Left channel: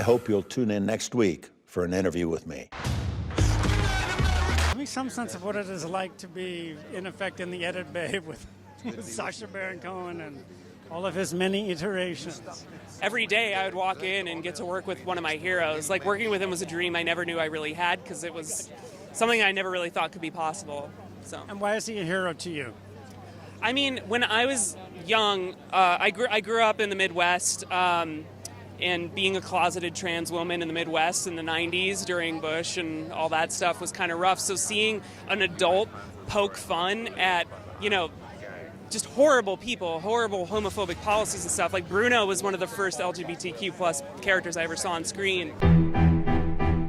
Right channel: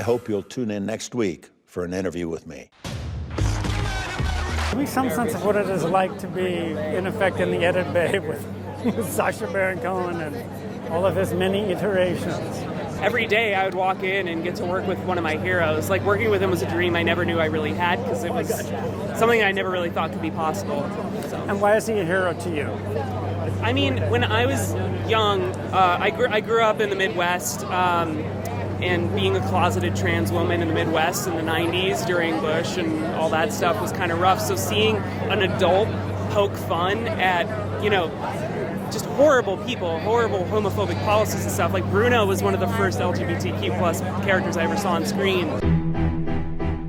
I hope you'll tune in next week for an interview with me. Give me some sense of what it is like to be, in effect, in the edit bay with Sacha Baron Cohen and all of his many iterations. Every day I would walk in and get to work with one of my heroes. Like, working with him was a dream I never knew I really had, because it was something I never really thought could be possible. So. And why is he a hero to you? I mean, when I was young, I grew up in the Midwest, and being a closeted trans woman in the Midwest in the 90s during Bush and all that stuff was kind of rough. So seeing an adult poke fun at, just horrible people, horrible homophobic policies and stuff. Like, Bruno was one of the first LGBTQ plus characters I ever saw on screen.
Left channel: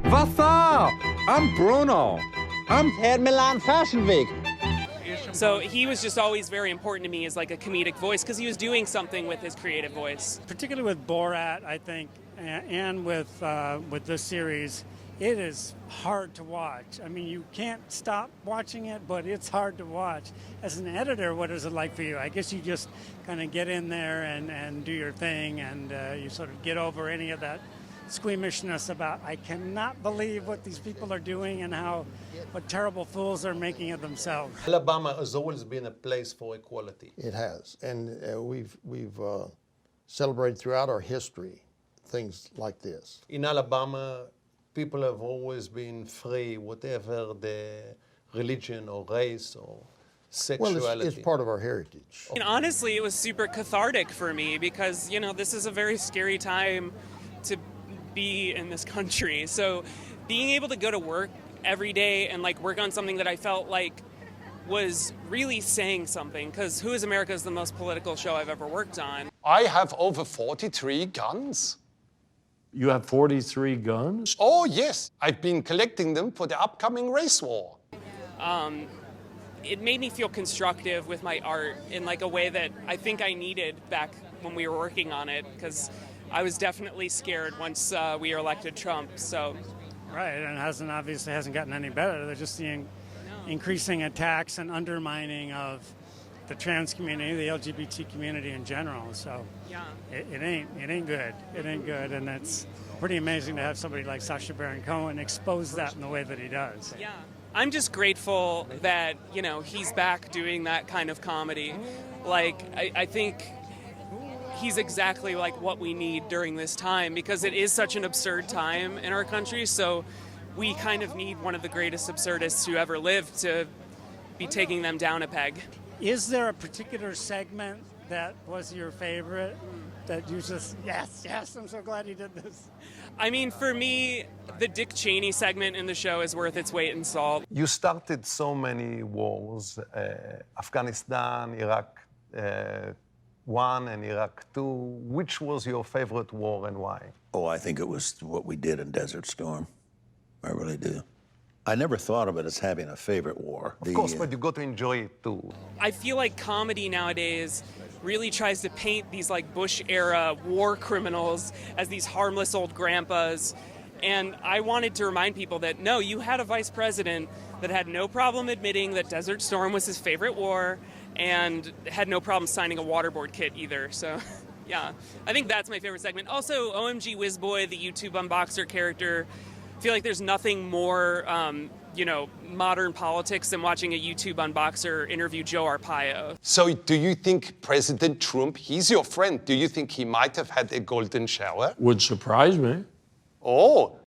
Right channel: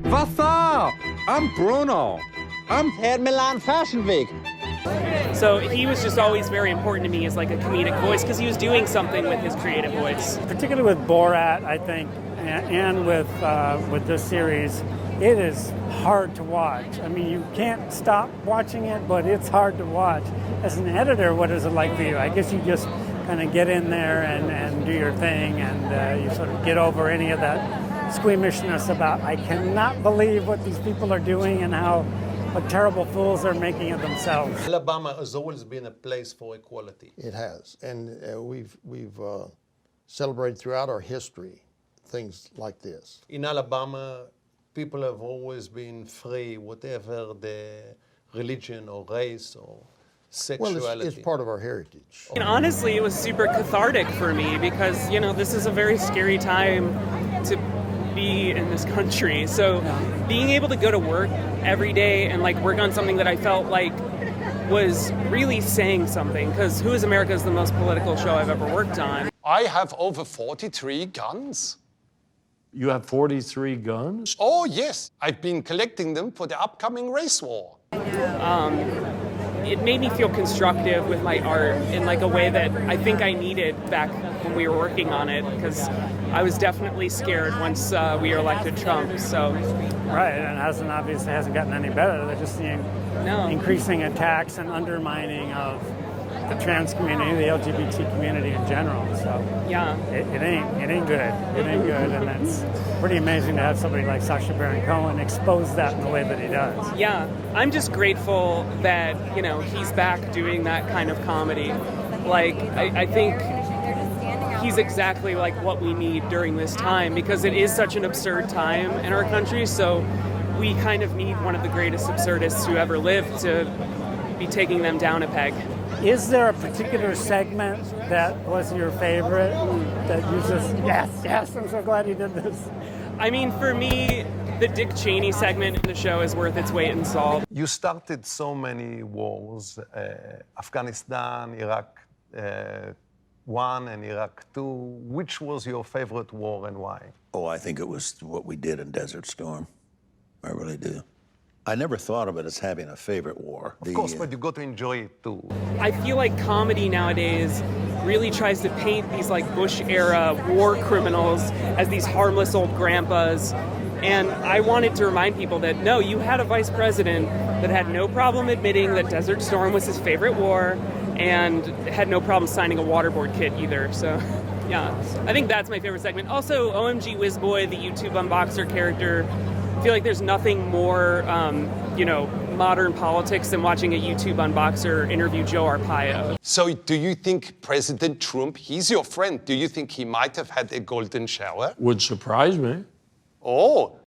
What's up? I'm Bruno. I'm Head Milan Fashion Week. So he was just always very important to me as like a comedic voice, because he was doing something with his creative voice. Particularly with Borat, I think, and with this series, it is hard to watch. I mean, you can't stop watching it, but it's hard to watch. As an editor, what is it like for you? I guess you just kind of get in there and do your thing, and you sort of get over any of that squeamishness about, I cannot believe what these people are doing and what terrible fools they're making of themselves. Alabama has always been a place for equality. It has, and we've celebrated throughout our history things like this. In Alabama, people have always been free, whatever the religion or race or sexuality. Well, it's part of our heritage. And honestly, it was super cathartic for me, because, this is a very scary time to be in this country. So being able to go to work every day and work on something that I felt like was really saying something, because Who is America is the most political show I've ever worked on. I have over 43 guns. You have 43 guns? Oh, yes. I've been collecting them for the upcoming race war. It made me feel constructive with my art in a way that I think I needed back when we were working on it, because I was definitely scared once we elected Trump. So. Right, and it obviously hasn't gotten any better. They're just seeing increasing attacks and undermining of the trans community, the LGBT community in general. So yeah, it ain't good. It ain't good, and it's pretty amazing to have somebody like Sacha Baron Cohen expose that in the way that he does. Yeah, I'm just grateful that he's back doing that kind of comedy. I think he's exactly what we need during this time, because it is such an absurd time in our country. So we kind of need one of the greatest absurdists who ever lived to be taking them down a peg. Is there a particular segment that was your favorite that you just, yes, I'm so glad you did this? I mean, for me, the Dick Cheney segment in the show is worth its weight in salt. You started so many wars, Afghanistan, Iraq 1 and Iraq 2. Which was your favorite war and why? Oh, I think it was what we did in Desert Storm. I really do. I never thought of it as having a favorite war. Of course, but you got to enjoy it too. I feel like comedy nowadays really tries to paint these Bush-era war criminals as these harmless old grandpas. And I wanted to remind people that, no, you had a vice president that had no problem admitting that Desert Storm was his favorite war, and had no problem signing a waterboard kit either. So, yeah, I think that's my favorite segment. Also, OMG Whizboy, the YouTube unboxer character. I feel like there's nothing more, modern politics than watching a YouTube unboxer interview Joe Arpaio. So do you think President Trump, he's your friend, do you think he might have had a golden shower? Would surprise me. Oh,